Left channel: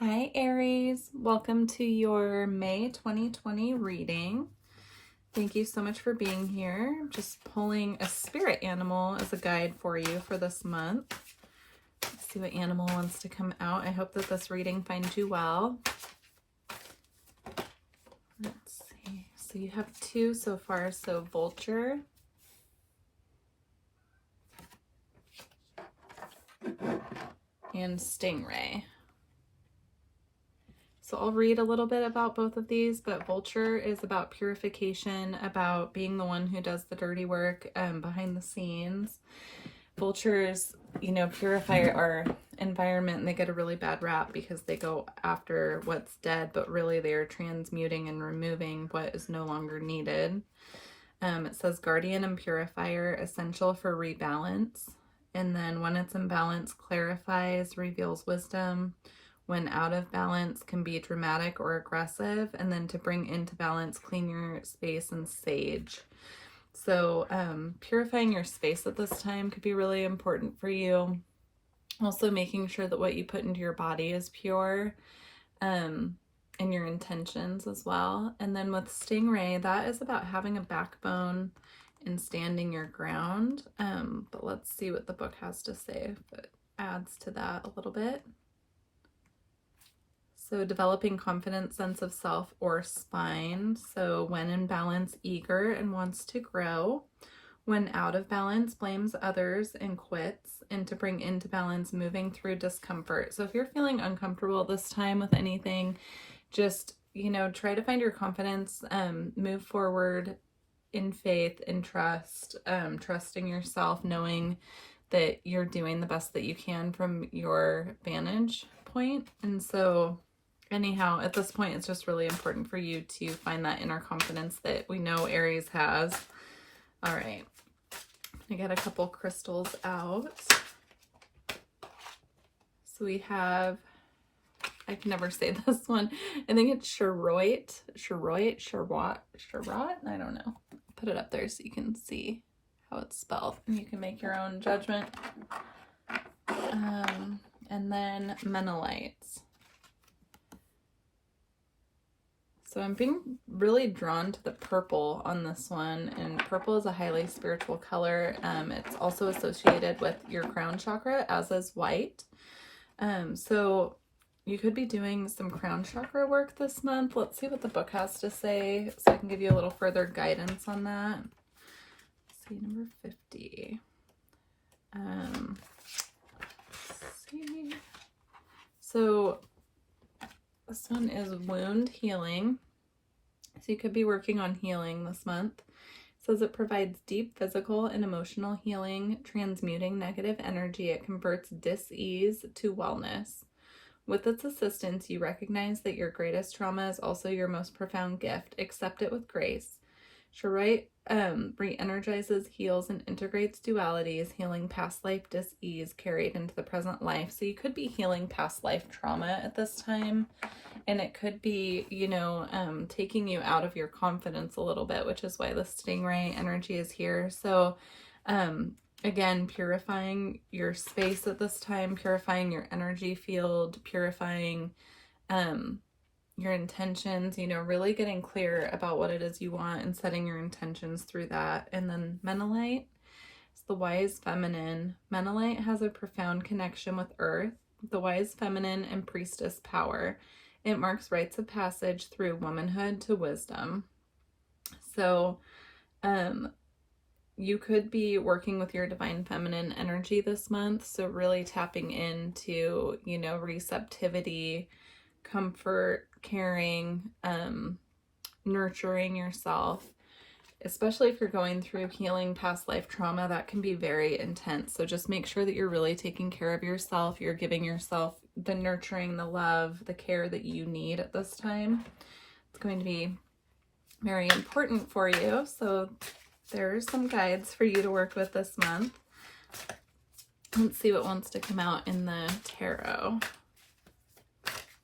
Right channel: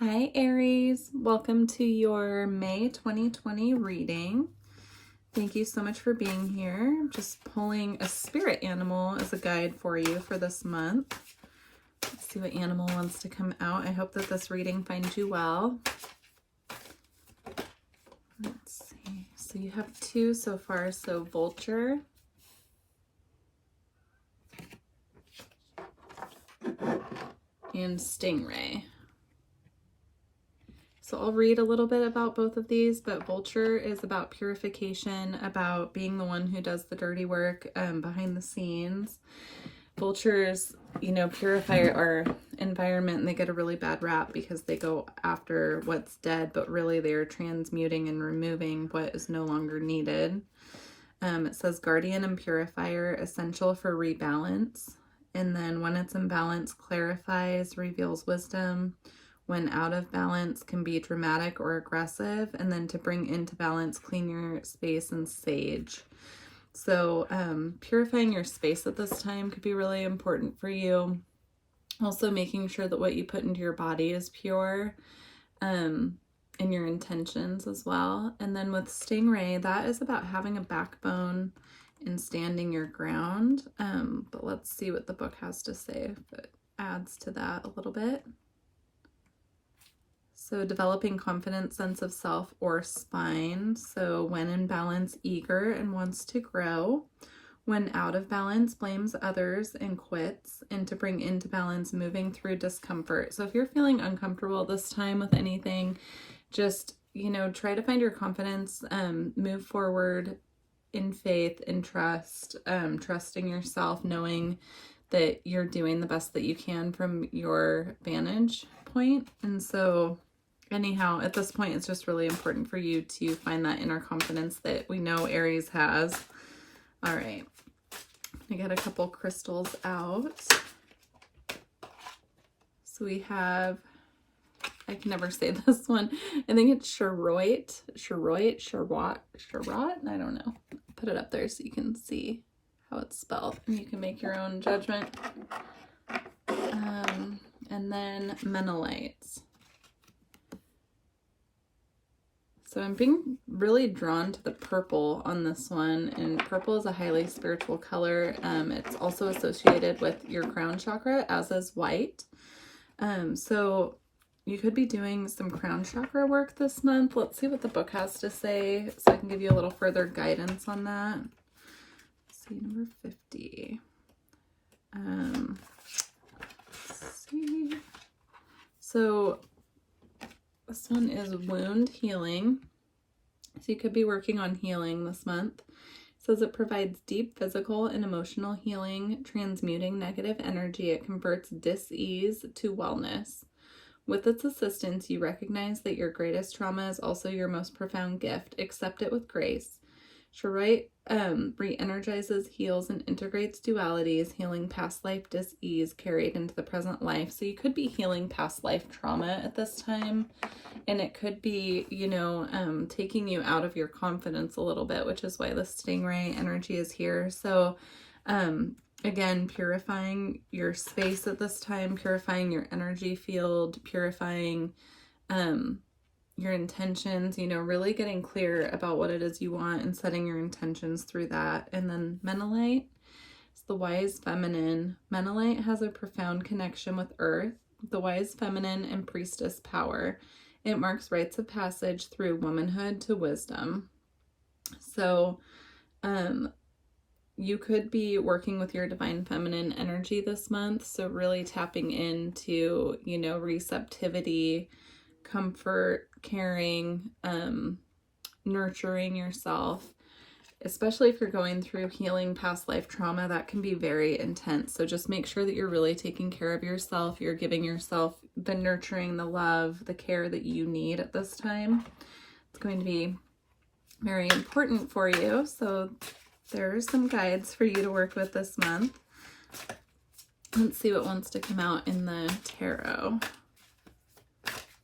Hi Aries, welcome to your May 2020 reading. Thank you so much for being here. I'm just pulling a spirit animal as a guide for you for this month. Let's see what animal wants to come out. I hope that this reading finds you well. Let's see. So you have two so far. So vulture and stingray. So I'll read a little bit about both of these, but vulture is about purification, about being the one who does the dirty work behind the scenes. Vultures, purify our environment, and they get a really bad rap because they go after what's dead, but really they're transmuting and removing what is no longer needed. It says guardian and purifier, essential for rebalance. And then when it's in balance, clarifies, reveals wisdom. When out of balance, can be dramatic or aggressive. And then to bring into balance, clean your space and sage. So purifying your space at this time could be really important for you. Also making sure that what you put into your body is pure, and your intentions as well. And then with stingray, that is about having a backbone and standing your ground. But let's see what the book has to say if it adds to that a little bit. So developing confidence, sense of self, or spine. So when in balance, eager and wants to grow. When out of balance, blames others and quits. And to bring into balance, moving through discomfort. So if you're feeling uncomfortable this time with anything, just, try to find your confidence, move forward in faith and trust, trusting yourself, knowing that you're doing the best that you can from your vantage point. And so anyhow, at this point, it's just really important for you to find that inner confidence that we know Aries has. All right. I got a couple crystals out. So we have, I can never say this one. I think it's Sherwoit. I don't know. Put it up there so you can see how it's spelled. And you can make your own judgment. And then Menelites. So I'm being really drawn to the purple on this one, and purple is a highly spiritual color. It's also associated with your crown chakra, as is white. So you could be doing some crown chakra work this month. Let's see what the book has to say so I can give you a little further guidance on that. Let's see, number 50. Let's see. So this one is wound healing. So you could be working on healing this month. It says it provides deep physical and emotional healing, transmuting negative energy. It converts dis-ease to wellness. With its assistance, you recognize that your greatest trauma is also your most profound gift. Accept it with grace. Sherwoit re-energizes, heals, and integrates dualities, healing past life dis-ease carried into the present life. So you could be healing past life trauma at this time, and it could be, taking you out of your confidence a little bit, which is why the stingray energy is here. So again, purifying your space at this time, purifying your energy field, purifying your intentions, really getting clear about what it is you want and setting your intentions through that. And then Menelite is the wise feminine. Menelite has a profound connection with earth, the wise feminine, and priestess power. It marks rites of passage through womanhood to wisdom. So you could be working with your divine feminine energy this month. So really tapping into, receptivity, comfort, caring, nurturing yourself, especially if you're going through healing past life trauma. That can be very intense. So just make sure that you're really taking care of yourself. You're giving yourself the nurturing, the love, the care that you need at this time. It's going to be very important for you. So there are some guides for you to work with this month. Let's see what wants to come out in the tarot.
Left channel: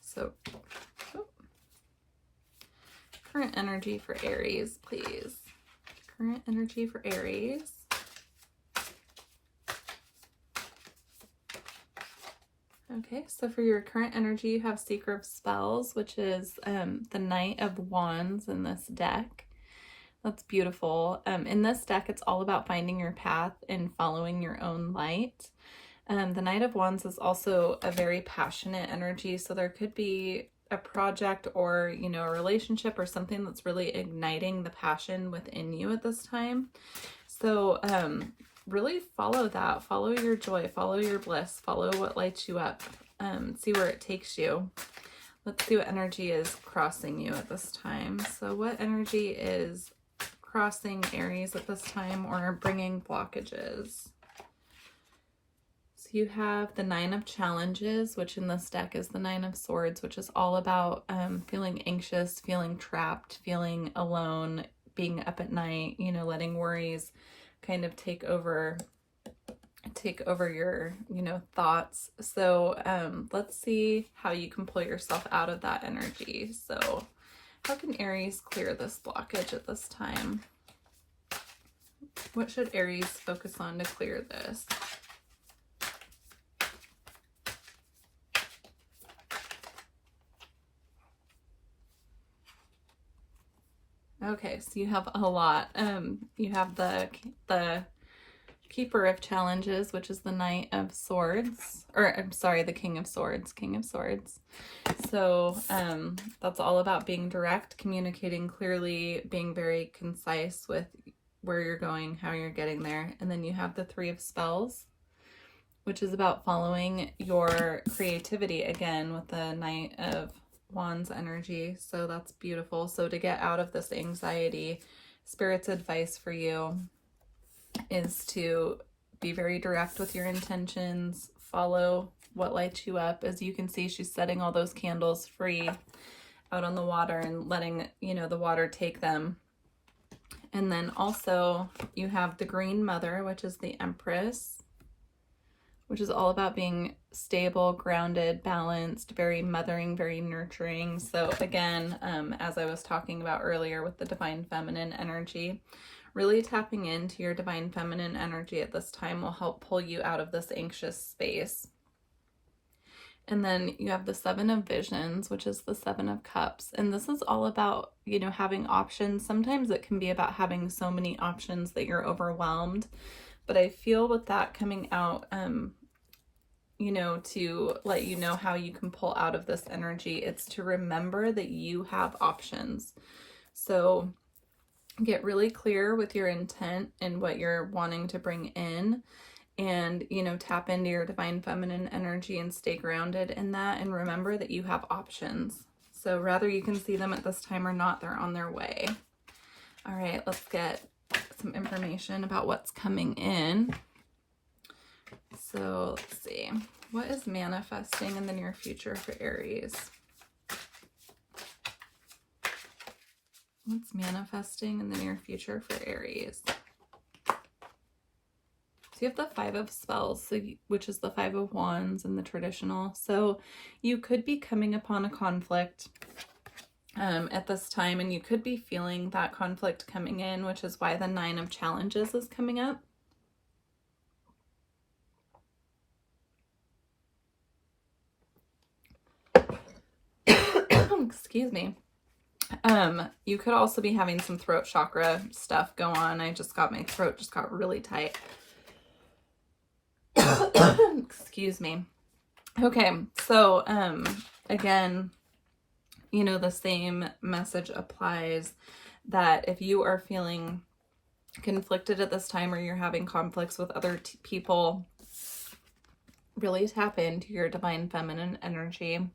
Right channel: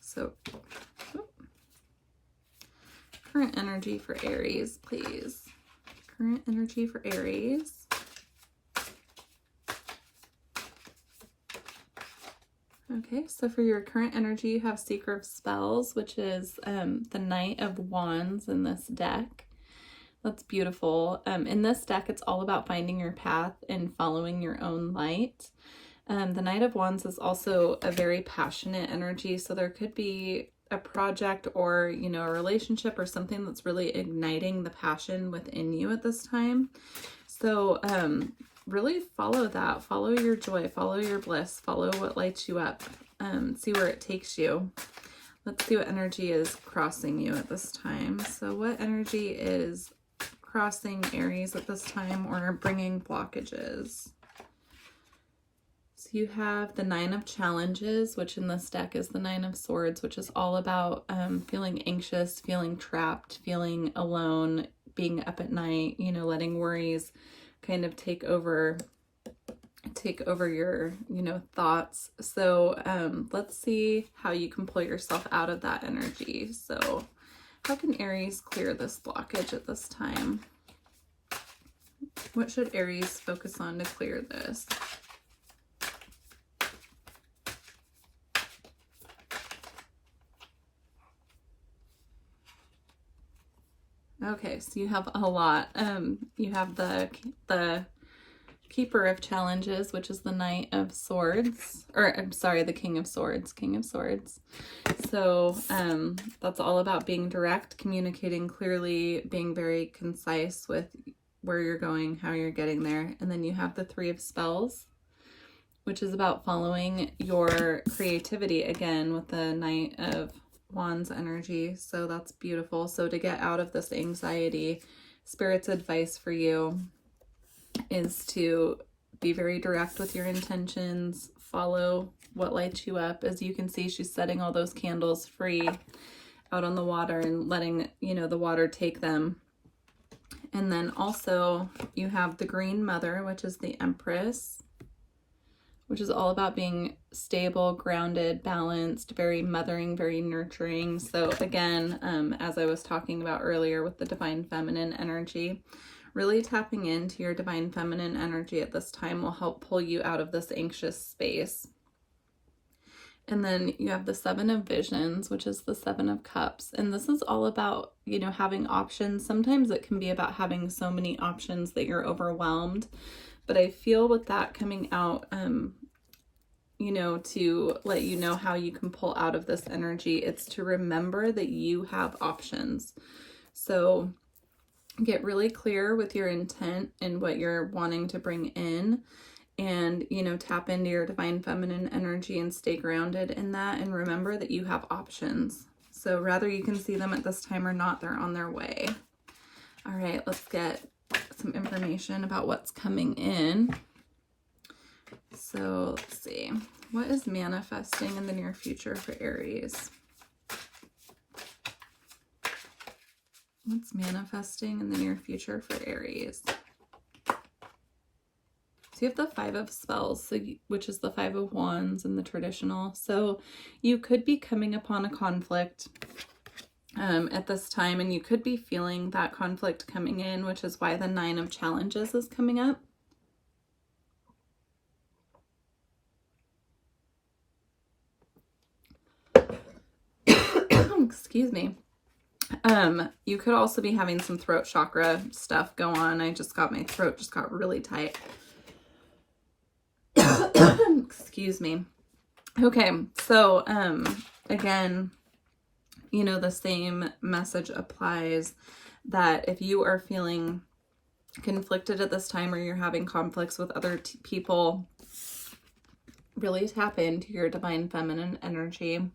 So current energy for Aries, please. Current energy for Aries. Okay, so for your current energy, you have Seeker of Spells, which is the Knight of Wands in this deck. That's beautiful. In this deck, it's all about finding your path and following your own light. The Knight of Wands is also a very passionate energy, so there could be a project or, you know, a relationship or something that's really igniting the passion within you at this time. So really follow that. Follow your joy. Follow your bliss. Follow what lights you up. See where it takes you. Let's see what energy is crossing you at this time. So what energy is crossing Aries at this time or bringing blockages? So you have the Nine of Challenges, which in this deck is the Nine of Swords, which is all about feeling anxious, feeling trapped, feeling alone, being up at night, you know, letting worries kind of take over your, you know, thoughts. So let's see how you can pull yourself out of that energy. So how can Aries clear this blockage at this time? What should Aries focus on to clear this? Okay, so you have a lot. You have the Keeper of Challenges, which is the Knight of Swords, or I'm sorry, the King of Swords. So that's all about being direct, communicating clearly, being very concise with where you're going, how you're getting there. And then you have the Three of Spells, which is about following your creativity again with the Knight of Wands energy. So that's beautiful. So to get out of this anxiety, Spirit's advice for you is to be very direct with your intentions, follow what lights you up. As you can see, she's setting all those candles free out on the water and letting, you know, the water take them. And then also you have the Green Mother, which is the Empress, which is all about being stable, grounded, balanced, very mothering, very nurturing. So again, as I was talking about earlier with the Divine Feminine energy, really tapping into your Divine Feminine energy at this time will help pull you out of this anxious space. And then you have the Seven of Visions, which is the Seven of Cups. And this is all about, you know, having options. Sometimes it can be about having so many options that you're overwhelmed. But I feel with that coming out, you know, to let you know how you can pull out of this energy, it's to remember that you have options. So get really clear with your intent and what you're wanting to bring in, and, you know, tap into your Divine Feminine energy and stay grounded in that, and remember that you have options. So whether you can see them at this time or not, they're on their way. All right, let's get some information about what's coming in. So let's see, what is manifesting in the near future for Aries? What's manifesting in the near future for Aries? So you have the Five of Spells, which is the Five of Wands in the traditional. So you could be coming upon a conflict at this time, and you could be feeling that conflict coming in, which is why the Nine of Challenges is coming up. Excuse me. You could also be having some throat chakra stuff go on. My throat just got really tight. Excuse me. Okay, so again, you know, the same message applies, that if you are feeling conflicted at this time, or you're having conflicts with other people, really tap into your Divine Feminine energy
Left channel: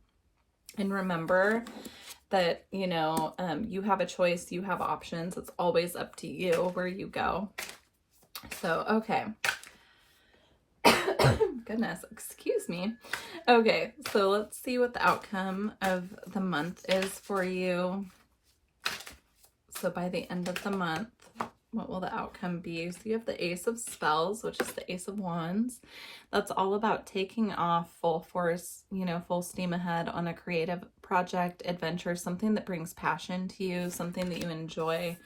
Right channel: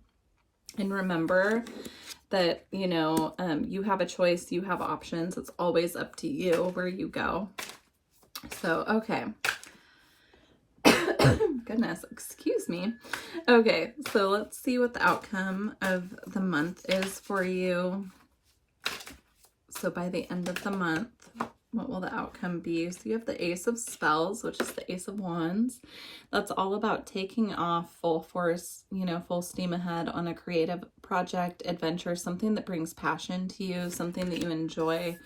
and remember that, you know, you have a choice, you have options. It's always up to you where you go. So, okay. Goodness, excuse me. Okay, so let's see what the outcome of the month is for you. So by the end of the month, what will the outcome be? So you have the Ace of Spells, which is the Ace of Wands. That's all about taking off full force, you know, full steam ahead on a creative project, adventure, something that brings passion to you, something that you enjoy.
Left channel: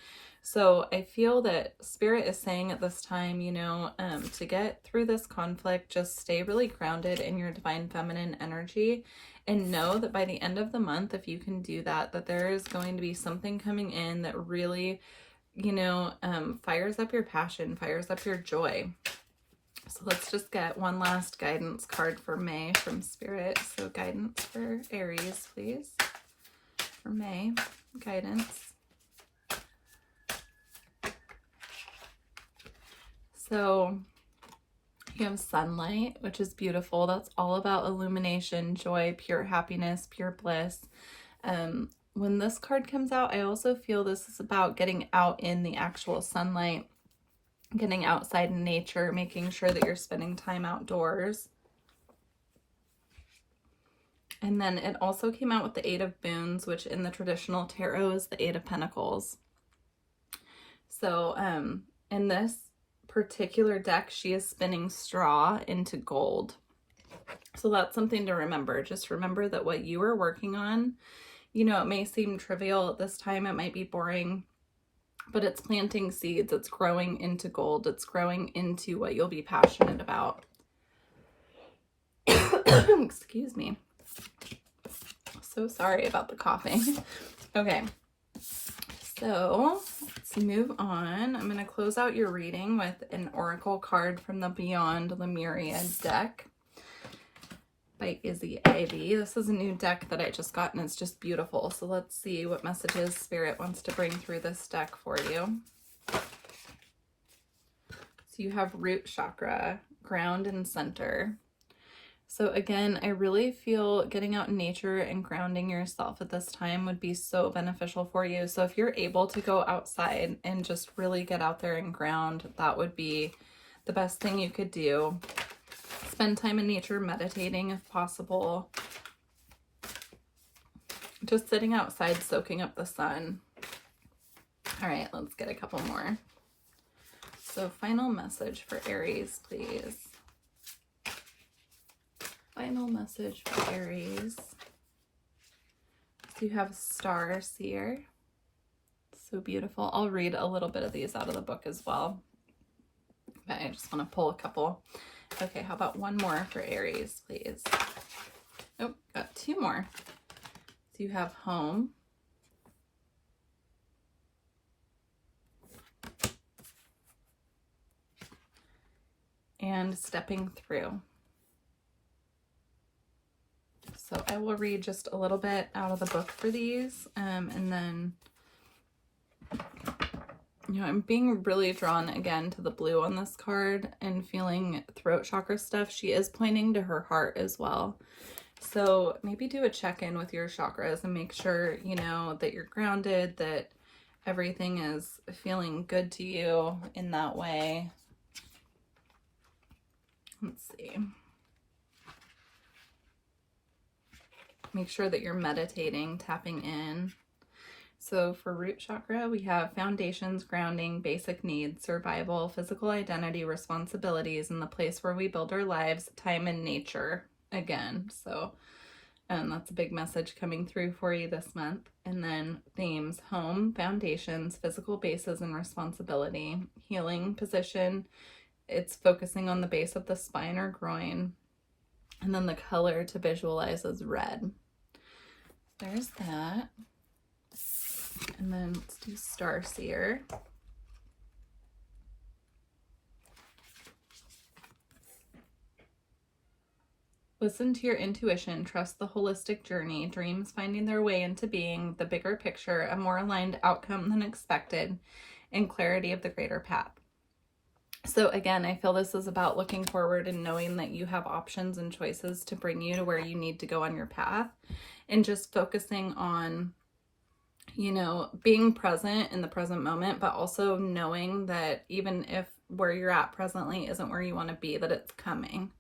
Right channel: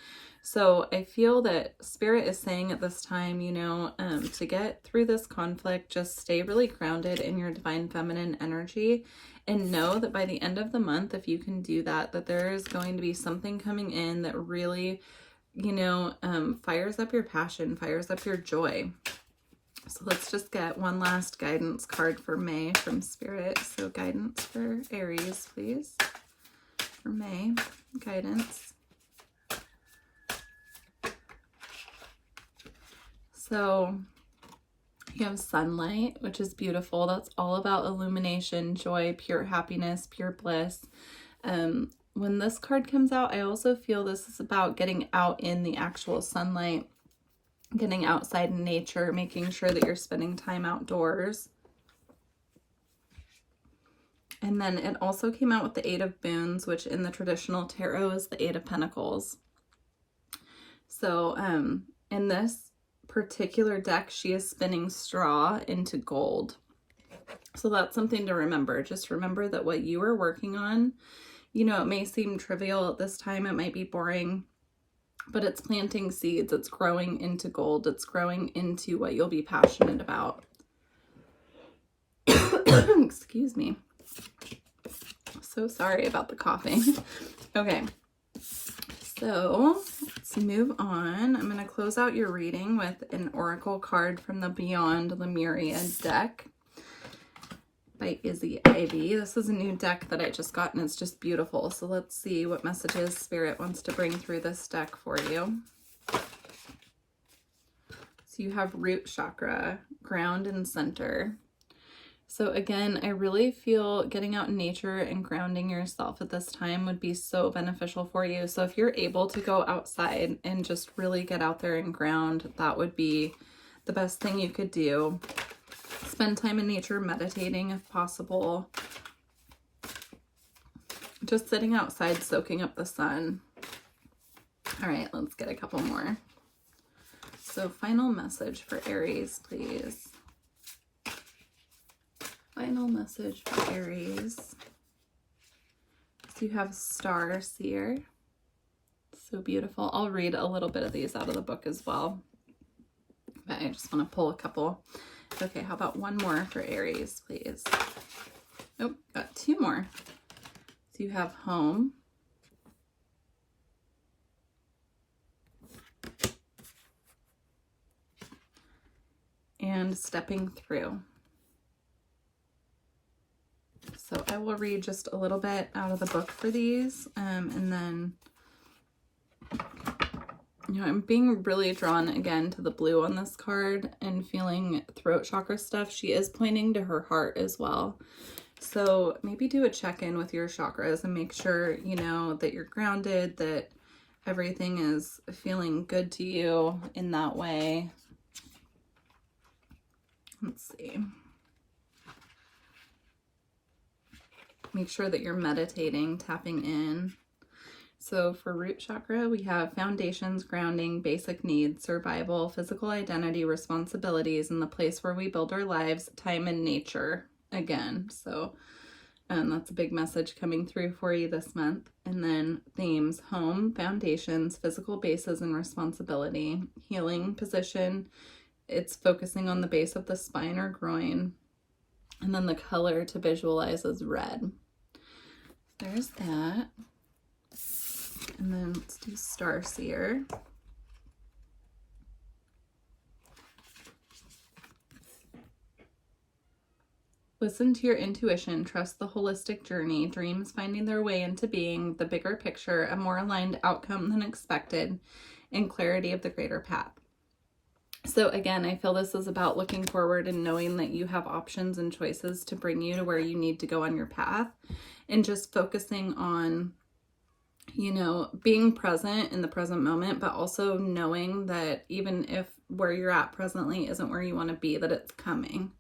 So I feel that Spirit is saying at this time, you know, to get through this conflict, just stay really grounded in your divine feminine energy and know that by the end of the month, if you can do that, that there is going to be something coming in that really, you know, fires up your passion, fires up your joy. So let's just get one last guidance card for May from Spirit. So guidance for Aries, please. For May, guidance. So you have sunlight, which is beautiful. That's all about illumination, joy, pure happiness, pure bliss. When this card comes out, I also feel this is about getting out in the actual sunlight, getting outside in nature, making sure that you're spending time outdoors. And then it also came out with the Eight of Boons, which in the traditional tarot is the Eight of Pentacles. So in this particular deck, she is spinning straw into gold. So that's something to remember. Just remember that what you are working on, you know, it may seem trivial at this time, it might be boring, but it's planting seeds, it's growing into gold, it's growing into what you'll be passionate about. Excuse me. So sorry about the coughing. Okay. So let's move on. I'm going to close out your reading with an oracle card from the Beyond Lemuria deck by Izzy Ivy. This is a new deck that I just got and it's just beautiful. So let's see what messages Spirit wants to bring through this deck for you. So you have root chakra, ground and center. So again, I really feel getting out in nature and grounding yourself at this time would be so beneficial for you. So if you're able to go outside and just really get out there and ground, that would be the best thing you could do. Spend time in nature, meditating if possible. Just sitting outside, soaking up the sun. All right, let's get a couple more. So final message for Aries, please. Final message for Aries. So you have Star Seer. So beautiful. I'll read a little bit of these out of the book as well. But I just want to pull a couple. Okay, how about one more for Aries, please? Oh, got two more. So you have Home. And Stepping Through. So I will read just a little bit out of the book for these, and then, you know, I'm being really drawn again to the blue on this card and feeling throat chakra stuff. She is pointing to her heart as well. So maybe do a check-in with your chakras and make sure, you know, that you're grounded, that everything is feeling good to you in that way. Let's see. Make sure that you're meditating, tapping in. So for root chakra, we have foundations, grounding, basic needs, survival, physical identity, responsibilities, and the place where we build our lives, time and nature again. So that's a big message coming through for you this month. And then themes: home, foundations, physical bases and responsibility, healing position. It's focusing on the base of the spine or groin. And then the color to visualize is red. There's that. And then let's do Starseer. Listen to your intuition, trust the holistic journey, dreams finding their way into being, the bigger picture, a more aligned outcome than expected, and clarity of the greater path. So again, I feel this is about looking forward and knowing that you have options and choices to bring you to where you need to go on your path, and just focusing on, you know, being present in the present moment, but also knowing that even if where you're at presently isn't where you want to be, that it's coming.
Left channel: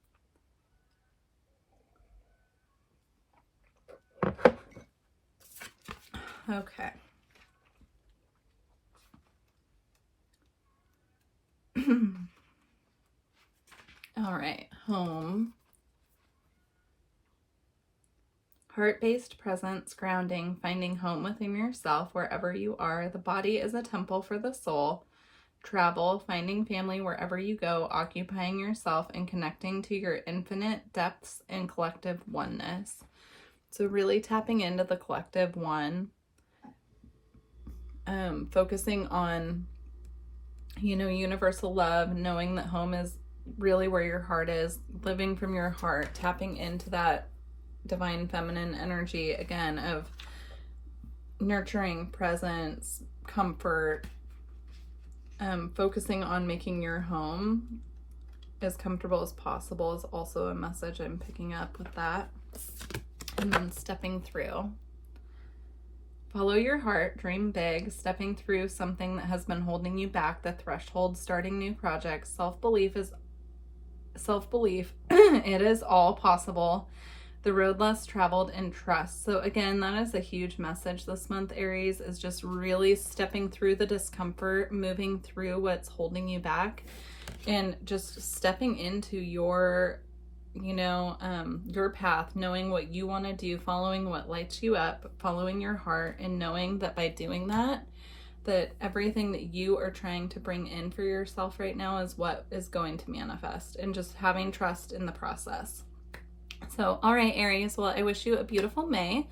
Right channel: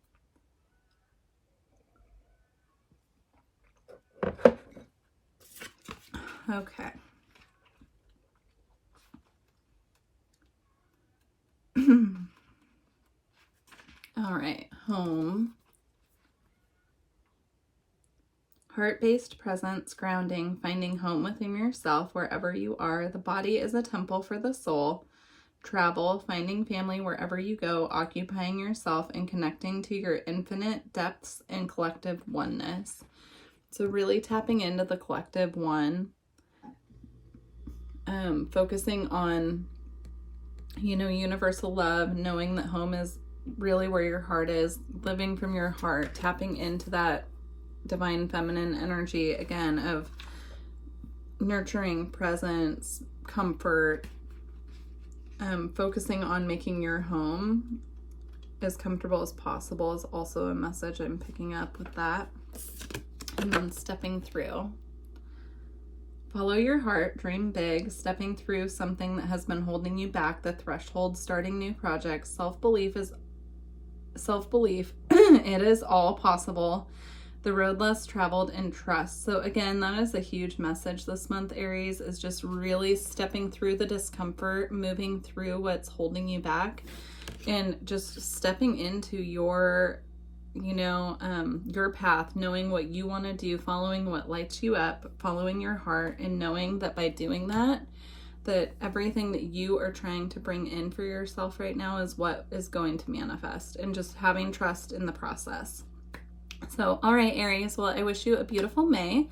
Okay. All right, home. Heart-based presence, grounding, finding home within yourself wherever you are. The body is a temple for the soul. Travel, finding family wherever you go, occupying yourself and connecting to your infinite depths and collective oneness. So really tapping into the collective one, focusing on, universal love, knowing that home is really where your heart is, living from your heart, tapping into that divine feminine energy again of nurturing, presence, comfort, focusing on making your home as comfortable as possible is also a message I'm picking up with that. And then stepping through. Follow your heart, dream big, stepping through something that has been holding you back, the threshold, starting new projects. Self-belief, it is all possible. The road less traveled, and trust. So again, that is a huge message this month, Aries, is just really stepping through the discomfort, moving through what's holding you back, and just stepping into your your path, knowing what you want to do, following what lights you up, following your heart, and knowing that by doing that everything that you are trying to bring in for yourself right now is what is going to manifest, and just having trust in the process. So, all right, Aries, well, I wish you a beautiful May.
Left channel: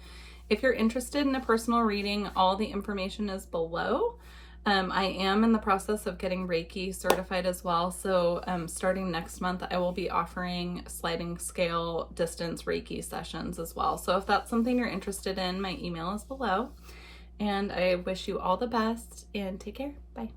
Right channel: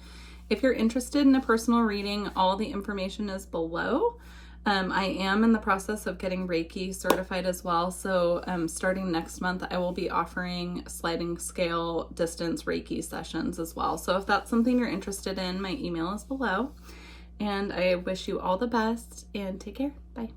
If you're interested in a personal reading, all the information is below. I am in the process of getting Reiki certified as well. So starting next month, I will be offering sliding scale distance Reiki sessions as well. So if that's something you're interested in, my email is below. And I wish you all the best and take care. Bye.